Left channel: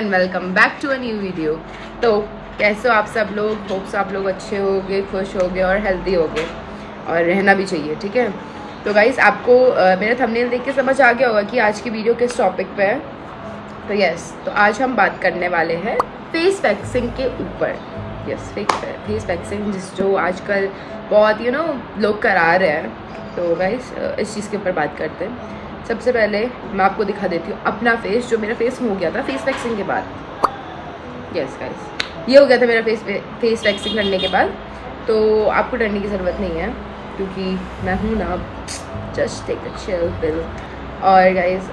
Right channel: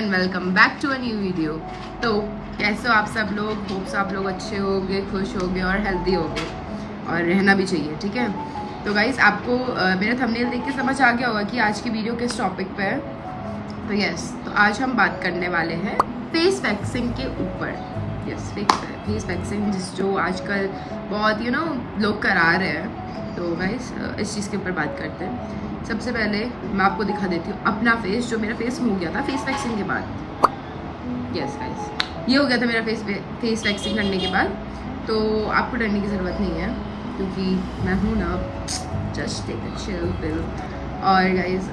And welcome back to a new video. तो कैसे हो आप सब लोग? होप्स आप लोग अच्छे होगे, खुश होगे और हेल्दी होगे, और रहना भी चाहिए, ठीक है। तो गाइस आपको मेरा थंबनेल देख के समझ आ गया होगा कि आज की वीडियो किस टॉपिक पे है। तो यस, तो आज हम बात करने वाले हैं फेस वैक्सिंग के ऊपर। यस, फेस वैक्सिंग जो आजकल बहुत लोग करा रहे हैं। तो गाइस इस चीज़ के ऊपर बात करते हैं। सबसे पहले मैं आपको दिखा देती हूँ अपना फेस, जो मेरा फेस हो गया था फेस वैक्सिंग के बाद। यस गाइस, ये हो गया था मेरा फेस वैक्सिंग करने के बाद। तो आपको डरने की ज़रूरत नहीं है क्योंकि मैं हूँ ना, just take a chill pill. और गाइस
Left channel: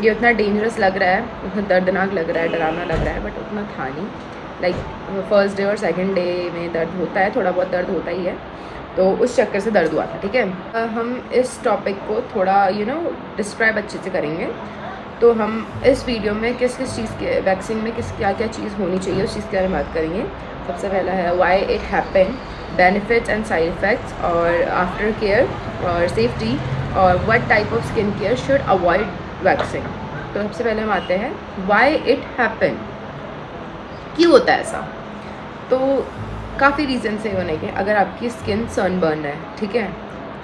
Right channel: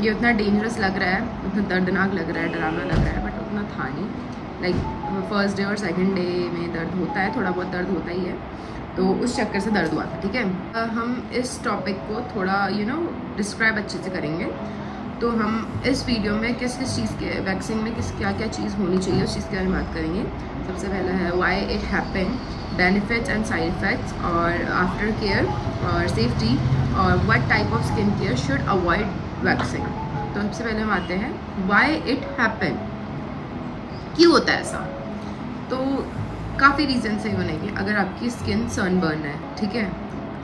ये उतना डेंजरस लग रहा है, उतना दर्दनाक लग रहा है, डरावना लग रहा है, बट उतना था नहीं। लाइक फर्स्ट डे और सेकेंड डे में दर्द होता है, थोड़ा बहुत दर्द होता ही है, तो उस चक्कर से दर्द हुआ था, ठीक है। हम इस टॉपिक को थोड़ा डिस्क्राइब अच्छे से करेंगे। तो हम इस वीडियो में किस किस चीज़ के वैक्सीन में क्या क्या चीज़ होनी चाहिए उस चीज़ के बारे में बात करेंगे। सबसे पहला है why it happen, benefits and side effects, और आफ्टर केयर और सेफ्टी, और what type of skin care should avoid waxing. तो सबसे पहले हम आते हैं व्हाई इट हैपन, क्यों होता है ऐसा। तो काफ़ी रीज़न है होने के। अगर आपकी स्किन सनबर्न है, ठीक है,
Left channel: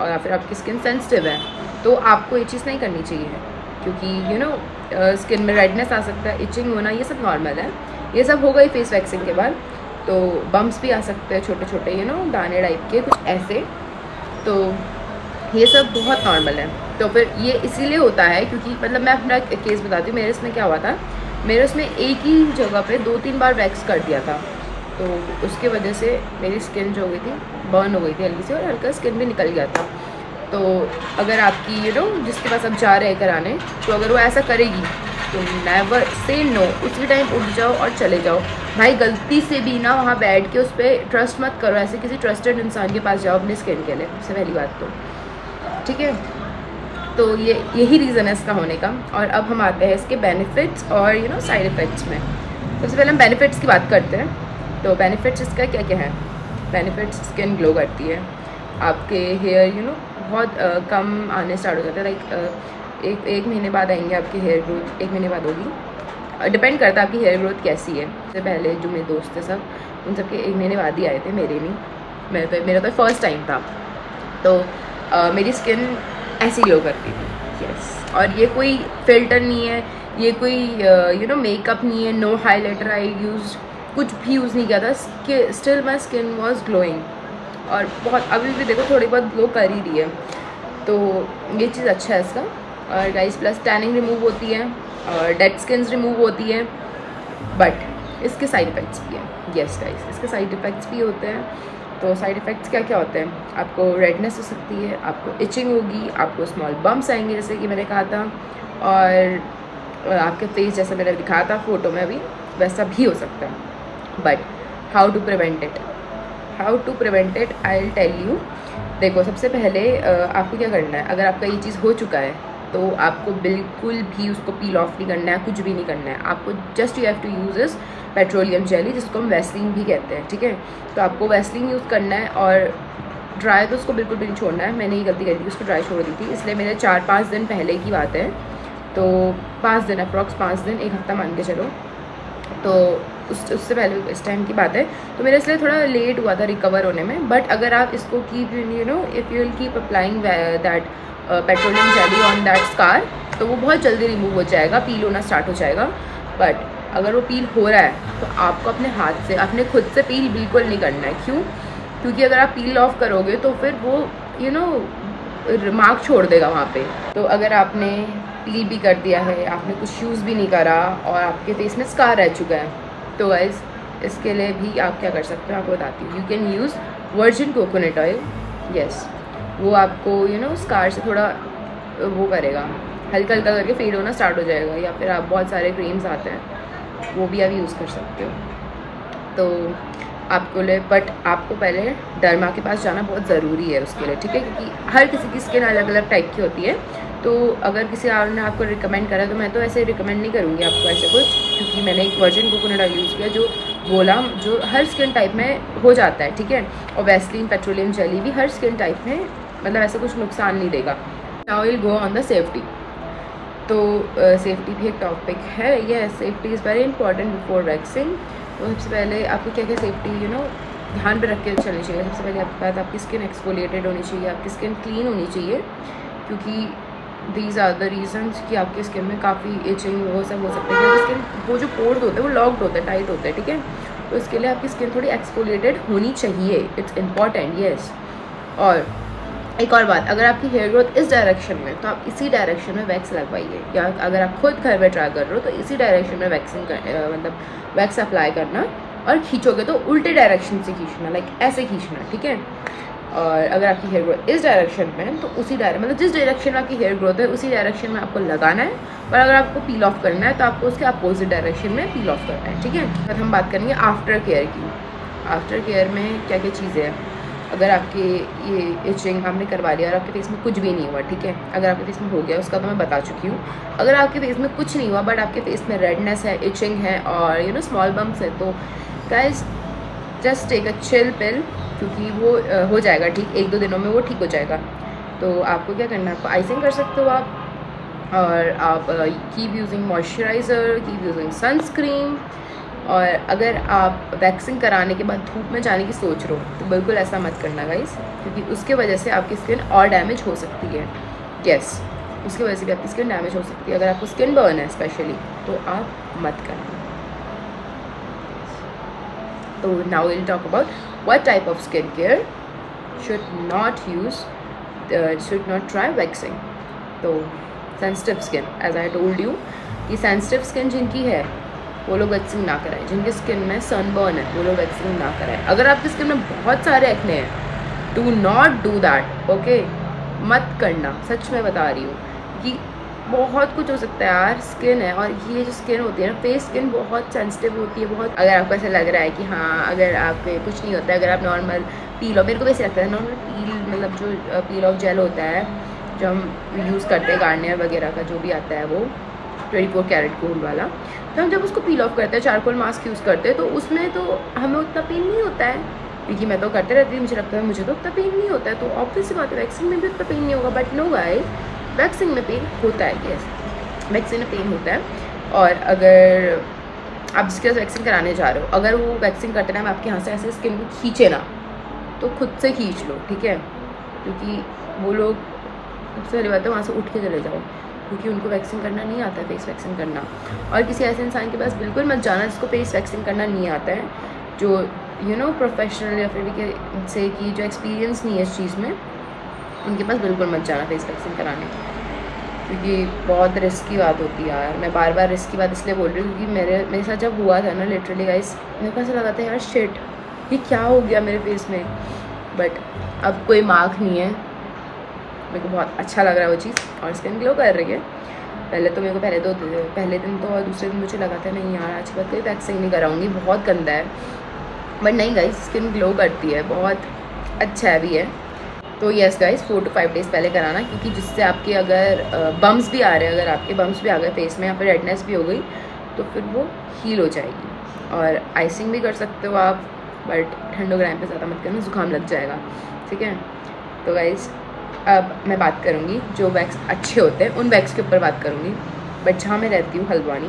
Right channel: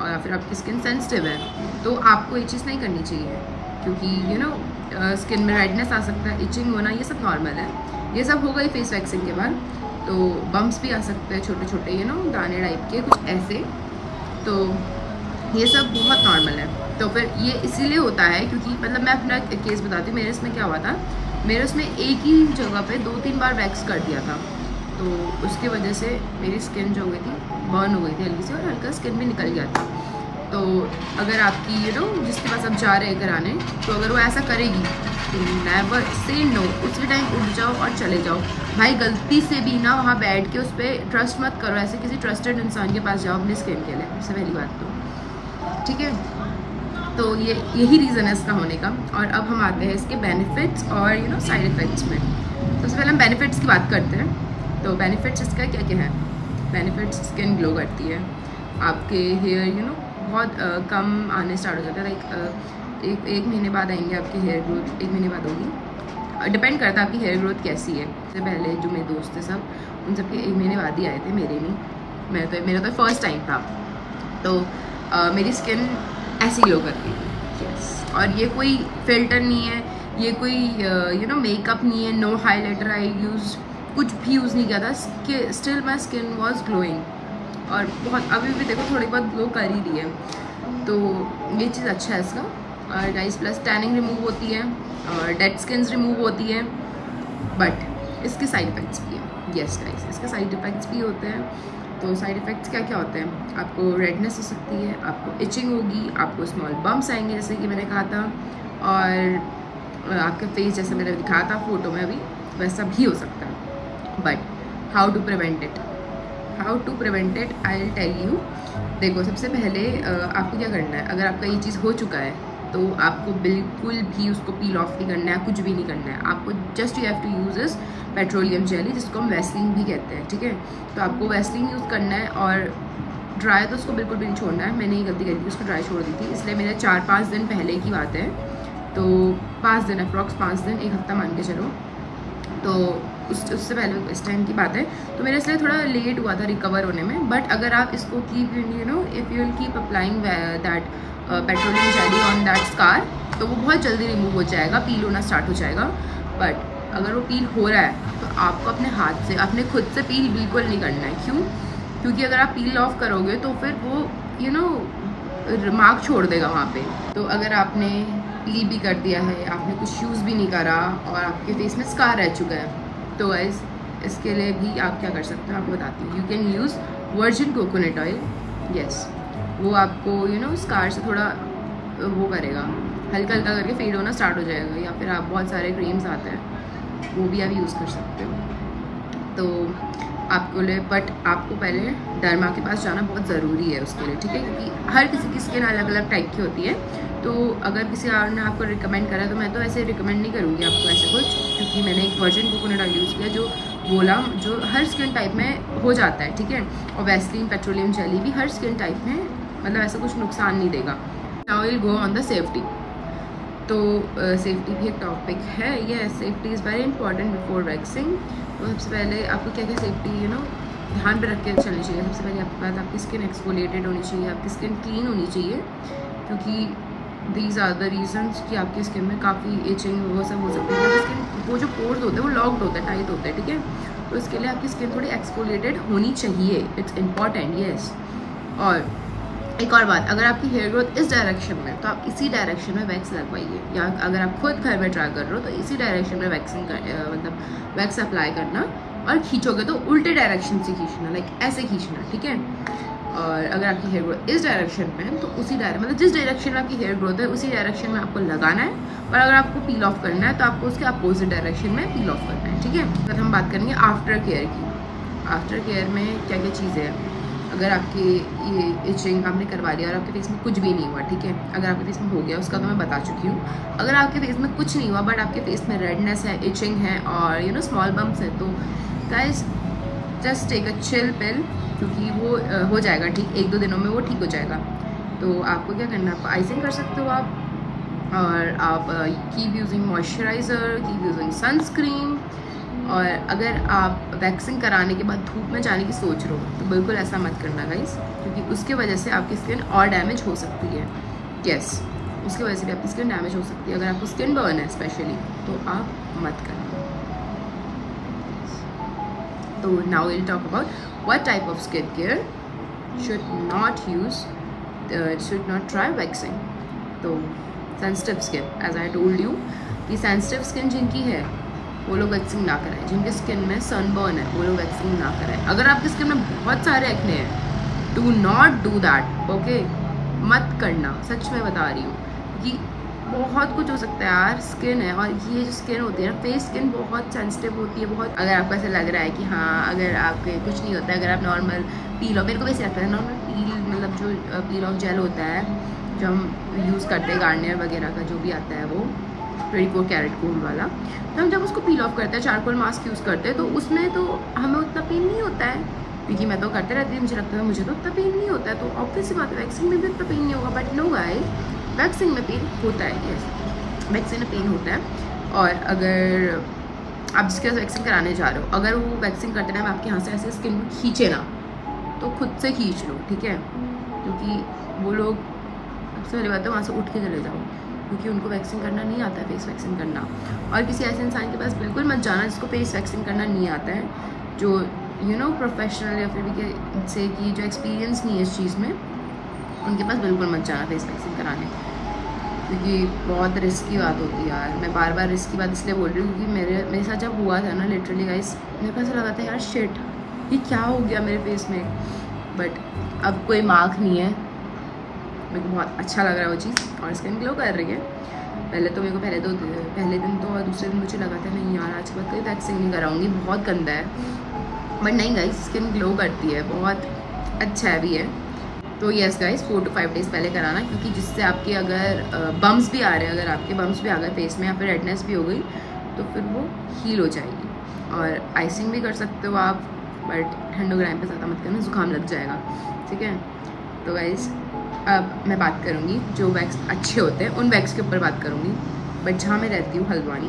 और या फिर आपकी स्किन सेंसिटिव है, तो आपको ये चीज़ नहीं करनी चाहिए क्योंकि स्किन में रेडनेस आ सकता है, इचिंग होना, ये सब नॉर्मल है। ये सब हो गई फेस वैक्सिंग के बाद। तो बम्प्स भी आ सकते हैं, छोटे छोटे दाने टाइप के कुछ ऐसे, तो ये सब बहुत नॉर्मल है। तो फिर ये इसीलिए होता है क्योंकि मतलब मैं अपना केस बताती हूँ। मेरे इसमें क्या हुआ था, मेरे उसमें एक ही जगह पे 2-3 बार वैक्स कर दिया था, तो उसके वजह से मेरी स्किन जो हो गई थी, बर्न हो गई थी हल्की सी, और हल्का स्किन भी निकल गया था। तो अगर आपकी जिसके पास आप जा रहे हैं कराने, तो अगर वो ऐसा करेगी तो नेवर से नो, उसी टाइम उठ जाओ और चले जाओ। भाई गलती से भी ना वहाँ बैठ के उस पर ट्रस्ट मत करो, ऐसे किसी ट्रस्टेड इंसान के पास जाओ अपनी स्किन के लिए, सबसे पहली बात तो, ठीक है। तो यही रीज़न है इसका होने का। और अब हम आते हैं इसके बेनिफिट्स और साइड इफ़ेक्ट्स में। सबसे पहले हम बेनिफिट्स की बात करते हैं। तो बेनिफिट्स इसका क्या क्या है। बेनिफिट्स, स्किन ग्लो करती है, आपके हेयर बहुत कम आने स्टार्ट हो जाता है। लाइक एक महीने बाद आएंगे आपके हेयर ग्रोथ, 1 महीने बाद होगी, डिपेंड करता है आपकी हेयर ग्रोथ कैसी है। इससे पहले जो मेरे दोस्त थे सब, उन सबके 1 महीने बाद ही आए थे, मेरे नहीं। मेरा तो फर्स्ट टाइम था। तो मेरी स्किन ऐसी ग्लो करती थी। यस, और ये कोई फिल्टर नहीं है, ये कोई मेकअप नहीं है, नो हाईलाइटर आई यूज, कुछ भी यूज़ नहीं किया था। Still my skin was glowing, और बहुत अभी भी देखो थोड़ी बहुत ग्लो कर ही रही है। तो ये चीज़ अच्छा है इसका। और गाइस प्लस टैनिंग रिमूव होती है और डेड स्किन्स रिमूव होती है, बट इसके साइड इफ़ेक्ट्स भी हैं। यस गाइस, इसके साइड इफ़ेक्ट्स भी होते हैं। तो साइड इफ़ेक्ट्स क्या क्या होते हैं, आपको रेडनेस हो सकती है, आपको इचिंग होगी, आपको स्मॉल बम्प्स आएंगे जैसे कि मैंने कहा था, और आपके फेस जैसा मैंने दिखाया था फ़ोटो में अभी, वैसा भी हो सकता है। But how to prevent it, I will tell you. देखो सबसे पहले आपको क्या करना है, अगर आपका ये चीज़ हो चुका है तो आपको बिल्कुल भी उसको पील ऑफ नहीं करना है, कुछ भी नहीं करना है। आपको just you have to use इस पेट्रोलियम जेली, जिसको हम वैसलीन भी कहते हैं, ठीक है। तो आपको वैसलीन यूज़ करना है, और ड्राई तो उसको बिल्कुल भी नहीं छोड़ना है। मैंने ये गलती करी थी, उसको ड्राई छोड़ दी थी, इसलिए मेरे 4-5 दिन पहले की बात है। तो 5 दिन अप्रॉक्स, 5 दिन, 1 हफ्ता मान के चलो। तो उससे पहले इस टाइम की बात है। तो मेरे इसलिए थोड़ा लेट हुआ था रिकवर होने में। बट अगर आप इसको keep if you will keep applying that petroleum jelly on that scar, तो वो बहुत जल्दी रिमूव हो जाएगा, पील होना स्टार्ट हो जाएगा। बट अगर वो पील हो रहा है तो आपको अपने हाथ से, अपने खुद से पील बिल्कुल नहीं करना है। क्यों? क्योंकि अगर आप पील ऑफ करोगे तो फिर वो मार्क छोड़ देगा वहाँ पे। तो अगर आपने पील भी कर दिया है, आपने कुछ यूज़ भी नहीं करा, और आपके फेस में स्कार रह चुका है, तो गाइस इसके लिए भी आप क्या कर सकते हो, आपको बताती हूँ। You can use virgin coconut oil. Yes, वो आपको स्कार से थोड़ा वो करेगा, हल्का हल्का करके फेड होना स्टार्ट हो जाएगा। या फिर आप बहुत सारे क्रीम्स आते हैं, वो भी आप यूज़ कर सकते हो। तो आपको लिए, बट आपको पहले डर्मा के पास जाना बहुत ज़रूरी है उसके लिए, ठीक है, क्योंकि हर किसी की स्किन अलग अलग टाइप की होती है। तो अगर किसी और ने आपको रिकमेंड करा, तो मैं तो ऐसे रिकमेंड नहीं करूँगी आपको ऐसे कुछ, क्योंकि मैंने एक वर्जिन कोकोनट ऑयल यूज़ किया, जो बोला जो हर स्किन टाइप में हो जाता है, ठीक है। और वैसलीन पेट्रोलियम जेली भी हर स्किन टाइप में, मतलब ऐसा कुछ नुकसान नहीं देगा। Now will go on the safety. तो सेफ्टी भी एक टॉपिक है। ये safety is very important before waxing. तो सबसे पहले आपको क्या क्या सेफ्टी ध्यान पे रख के चलनी चाहिए। सबसे पहले आपके पास आपकी स्किन एक्सफोलिएटेड होनी चाहिए, आपकी स्किन क्लीन होनी चाहिए, क्योंकि दीज आर द रीजन्स कि आपकी स्किन में काफ़ी इचिंग वो सब हो सकता है। आपकी स्किन वो जो पोर्स होते हैं वो लॉक्ड होते हैं, टाइट होते हैं, ठीक है। तो इसके लिए आपकी स्किन थोड़ी एक्सफोलिएटेड होनी चाहिए, इट्स इम्पॉर्टेंट, येस। और एक और बात, अगर आपकी हेयर ग्रोथ इस डायरेक्शन में तो आप इसी डायरेक्शन में वैक्स लगवाइए, या अगर आप खुद घर में ट्राई कर रहे हो तो इसी डायरेक्शन में मतलब वैक्स अप्लाई करना, और खींचोगे तो उल्टे डायरेक्शन से खींचना, लाइक ऐसे खींचना, ठीक है। और अगर आपकी हेयर ग्रोथ इस डायरेक्शन में है तो उसी मतलब जिस डायरेक्शन में आपकी हेयर ग्रोथ है उसी डायरेक्शन में आपको लगाना है। और अगर आपको पील ऑफ करना है तो आपको उसके अपोजिट डायरेक्शन में पील ऑफ करना है, ठीक है। फिर हम बात करेंगे आफ्टर केयर की। आफ्टर केयर में क्या क्या चीज़ें हैं। अगर आपके ये इचिंग आपने करवा लिया और आपके फेस में कुछ भी नहीं हुआ, ठीक है, अगर आपके फेस में हो गया उसका तो मैं बता चुकी हूँ। अगर आपके फेस में कुछ नहीं हुआ बट आपके फेस में रेडनेस है, इचिंग है और स्मॉल बम्प्स है, तो guys just take a chill pill, क्योंकि वो हो जाएगा ठीक, 1-2 दिनों में वो ठीक हो जाएगा। तो आपको क्या करना है, आपको आइसिंग कर सकते हो आप, और आप keep using moisturiser, keep using sunscreen. और अगर आप वैक्सिंग कराने के बाद धूप में जाने की सोच रहे हो तो बिल्कुल ऐसा मत करना गाइस, क्योंकि उसके वजह से आपकी स्किन और डैमेज हो सकती है। यस, उसकी वजह से भी आपकी स्किन डैमेज हो सकती है। अगर आपको स्किन बर्न है स्पेशली तो आप मत कराना। तो now will talk about what type of skincare should not try waxing। तो sensitive skin, as I told you कि सेंसिटिव स्किन जिनकी है वो लोग वैक्सिंग ना कराएं। जिनकी स्किन में सनबर्न है वो लोग वैक्सिंग ना कराएं। अगर आपकी स्किन में बहुत सारे एक्ने हैं, do not do that, okay, मत करना, सच में बता रही हूँ कि बहुत कुछ हो सकता है यार। स्किन है, और ये जो स्किन होती है ना, फेस स्किन बहुत सेंसिटिव होती है बहुत। अगर आपको ऐसा लग रहा है कि हाँ अगर आपके कुछ नहीं होता है, अगर आप नॉर्मल पील ऑफ, मेरे को वैसे लगता है नॉर्मल पील, मतलब जो पील ऑफ जेल होता है जो हम यूज़ करते हैं, गार्नियर वगैरह का जो भी आता है वो 24 कैरेट गोल्ड वाला, तो हम जब उसको पील ऑफ करते हैं, चारकोल मास्क यूज़ करते हैं, तो उसमें तो हमें उतना पेन नहीं होता है, क्योंकि मैं तो करते रहती हूँ, मुझे लगता है मुझे तो उतना पेन नहीं होता है। तो ऑब्वियस बात है वैक्सिंग में भी उतना पेन नहीं होगा। बट नो गाइस, वैक्सिंग में पेन होता है, यस, वैक्सिंग में पेन होता है। और अगर आप जिसके साथ वैक्सिंग कराने जा रहे हो, अगर वो वैक्सिंग करते टाइम आपके यहाँ से ऐसे स्किन को खींचे ना, तो खुद से खींच लो, ठीक है, क्योंकि वो लोग, सबसे पहली बात है वहाँ से उठ के चले जाओ, क्योंकि उनको वैक्सिंग करना नहीं आता है, फेस वैक्सिंग करना। और किसी ऐसे इंसान के पास बिल्कुल मत जाना जिसको फेस वैक्सिंग करना नहीं आता है, जो प्रोफेशनल या फिर भी से कि जो एक्सपीरियंस नहीं है इस चीज़ में, उनके पास बिल्कुल मत जाना फेस वैक्सिंग कराने, क्योंकि बहुत रिस्क की बात होती है यार। मैं बार बार रिस्क की बात इसलिए बोल रही हूँ क्योंकि मेरे साथ जब हुआ था ना, लिटरली गाइस, मेरे को ऐसा लगा था यार शिट, ये क्या हो गया मेरे फेस में। बट अब कोई मार्क नहीं है, मेरे को बहुत अच्छा लग रहा है वो चीज़, और स्किन ग्लो कर रही है। पहले तो मेरे को पहले दिन तो, और दूसरे दिन मुझे लगा था नहीं यार आज के बाद कोई वैक्सिंग नहीं कराऊंगी, बहुत गंदा है। बट नहीं गाइस, स्किन ग्लो करती है, बहुत अच्छा है भी है। तो यस गाइस, 4 to 5 डेज़ पहले कराना, क्योंकि जिससे आपके अगर बम्स भी आ रहे हैं, अगर आपके बम्स भी आ गए फेस में या फिर रेडनेस भी हो गई, तो फिर वो हील हो जाएगी। और आइसिंग भी कर सकते हो आप, बट ठंडो टाइम पे ज़्यादा मत करना, जुकाम लग जाएगा, ठीक है। तो गाइस अब मैं बात करूँगी जो वैक्स अच्छे होते हैं उन वैक्स के ऊपर बात करूँगी। बट जहाँ मैं रहती हूँ हल्द्वानी,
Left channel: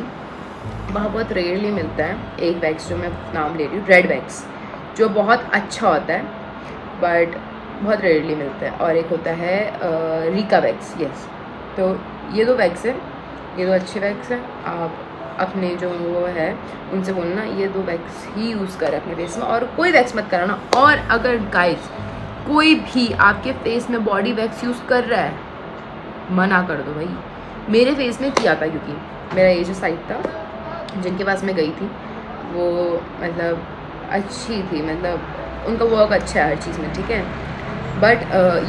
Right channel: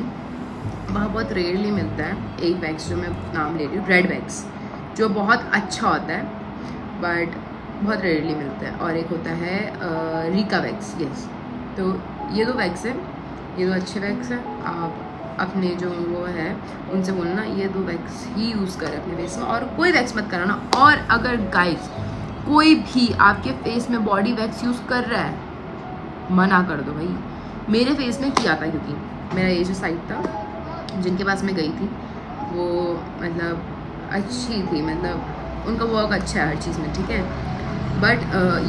वहाँ बहुत रेयरली मिलता है एक वैक्स जो मैं नाम ले रही हूँ, रेड वैक्स, जो बहुत अच्छा होता है, बट बहुत रेयरली मिलता है। और एक होता है रीका वैक्स, यस। तो ये 2 वैक्स हैं, ये 2 अच्छे वैक्स हैं। आप अपने जो वो है उनसे बोलना ये 2 वैक्स ही यूज़ करें अपने फेस में, और कोई वैक्स मत कराना। और अगर गाइस कोई भी आपके फेस में बॉडी वैक्स यूज़ कर रहा है, मना कर दो भाई। मेरे फेस में किया था, क्योंकि मेरा ये जो साइड था जिनके पास मैं गई थी वो मतलब अच्छी थी, मतलब उनका वर्क अच्छा है हर चीज़ में, ठीक है। बट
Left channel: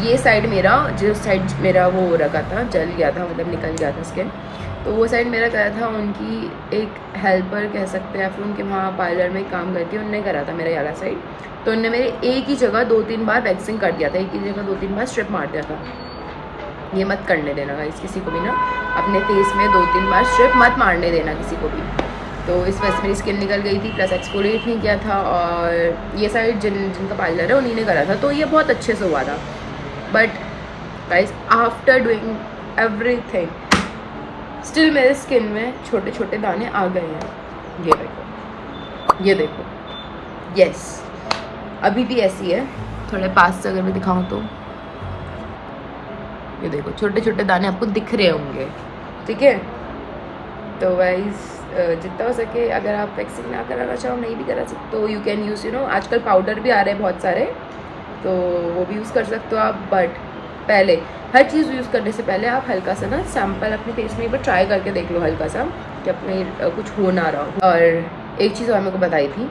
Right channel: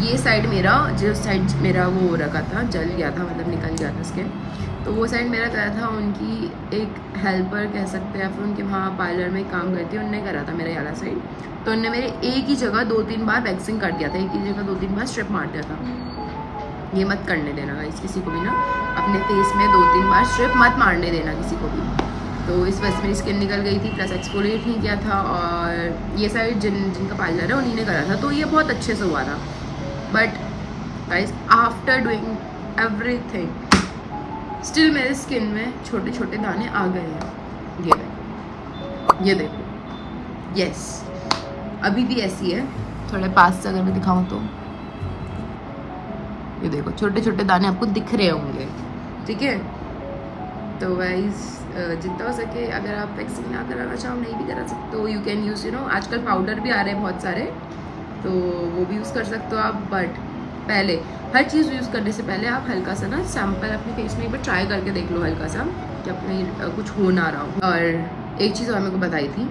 ये साइड मेरा, जो साइड मेरा वो हो रखा था, जल गया था, मतलब निकल गया था स्किन, तो वो साइड मेरा करा था उनकी एक हेल्पर कह सकते हैं, फिर उनके वहाँ पार्लर में काम करती है, उनने करा था मेरा वाला साइड। तो उनने मेरे एक ही जगह 2-3 बार वैक्सिंग कर दिया था, एक ही जगह 2-3 बार स्ट्रिप मार दिया था। ये मत करने देना गाइस किसी को भी ना, अपने फेस में 2-3 बार स्ट्रिप मत मारने देना किसी को भी। तो इस वजह से मेरी स्किन निकल गई थी, प्लस एक्सफोलिएट नहीं किया था। और ये साइड जिनका पार्लर है उन्हीं ने करा था, तो ये बहुत अच्छे से हुआ था। But guys after doing everything, still मेरे स्किन में छोटे छोटे दाने आ गए हैं। ये देखो, ये देखो, यस अभी भी ऐसी है। थोड़े पास से अगर मैं दिखाऊं तो ये देखो छोटे छोटे दाने आपको दिख रहे होंगे, ठीक है। तो गाइस जितना हो सके अगर आप वैक्सिंग ना कराना चाहो, नहीं भी करा सकते तो यू कैन यूज़ आजकल पाउडर भी आ रहे हैं बहुत सारे, तो वो भी यूज़ कर सकते हो आप। बट पहले हर चीज़ यूज़ करने से पहले आप हल्का सा ना सैम्पल अपने फेस में एक बार ट्राई करके देख लो हल्का सा, कि अपने कुछ हो ना रहा हो। और एक चीज़ और मेरे को बताई थी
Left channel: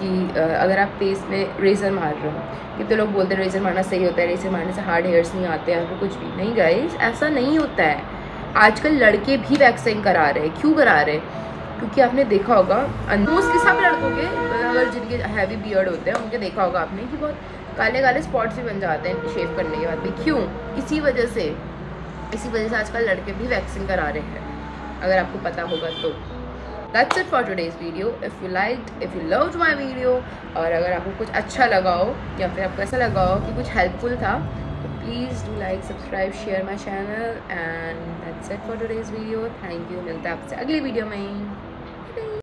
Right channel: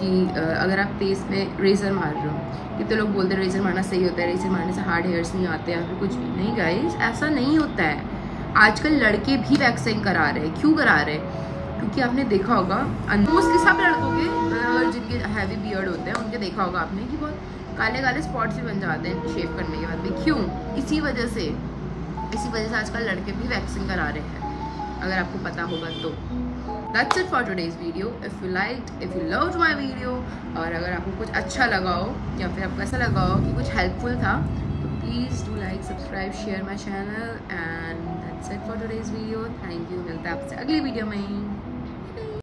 कि अगर आप फेस में रेज़र मार रहे हो, कितने लोग बोलते हैं रेज़र मारना सही होता है, रेज़र मारने से हार्ड हेयर्स नहीं आते हैं, फिर कुछ भी नहीं। गाइस ऐसा नहीं होता है। आजकल लड़के भी वैक्सिंग करा रहे हैं। क्यों करा रहे हैं? क्योंकि आपने देखा होगा मोस्टली सब लड़कों के, अगर जिनके हैवी बियर्ड होते हैं उनके देखा होगा आपने कि बहुत काले काले स्पॉट्स भी बन जाते हैं शेव करने के बाद भी। क्यों? इसी वजह से आजकल लड़के भी वैक्सिंग करा रहे हैं, अगर आपको पता होगा तो। That's it for today's video. If you loved my video, और अगर आपको कुछ अच्छा लगा हो या फिर आपको ऐसा लगा हो कि कुछ हेल्पफुल था, तो please do like, subscribe, share my channel. And that's it for today's video. Thank you. मिलता है आपसे अगली वीडियो में।